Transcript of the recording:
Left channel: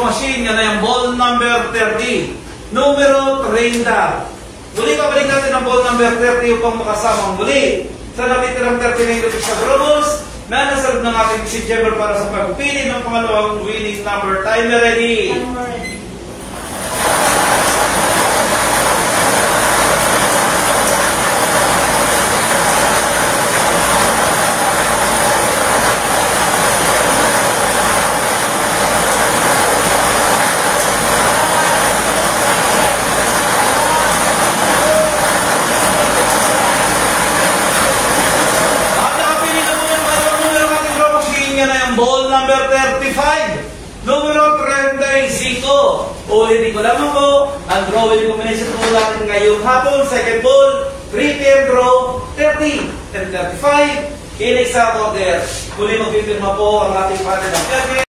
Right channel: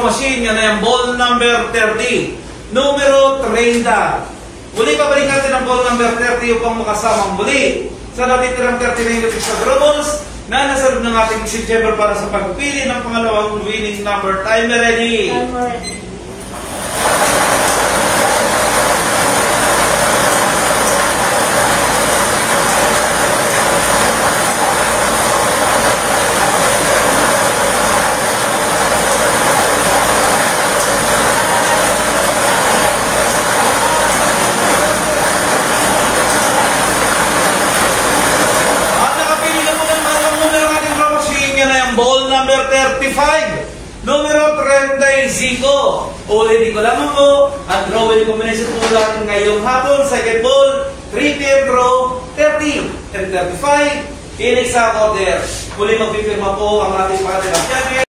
draw machine. Yan ay ang ball number 30. Numero 30. Muli kabalik natin ang ball number 30 upang makasamang muli sa natitirang 39 sa draws na nasa loob ng ating si Jember para sa pagpili ng pangalawang winning number. Timer ready. Ball number 35, numero 35. Ulitin ko lamang po, ang drawing combination po natin ngayong hapon, second ball, 3-pair draw, 30 and 35, in exact order. Huli magpipirma po ang ating partner.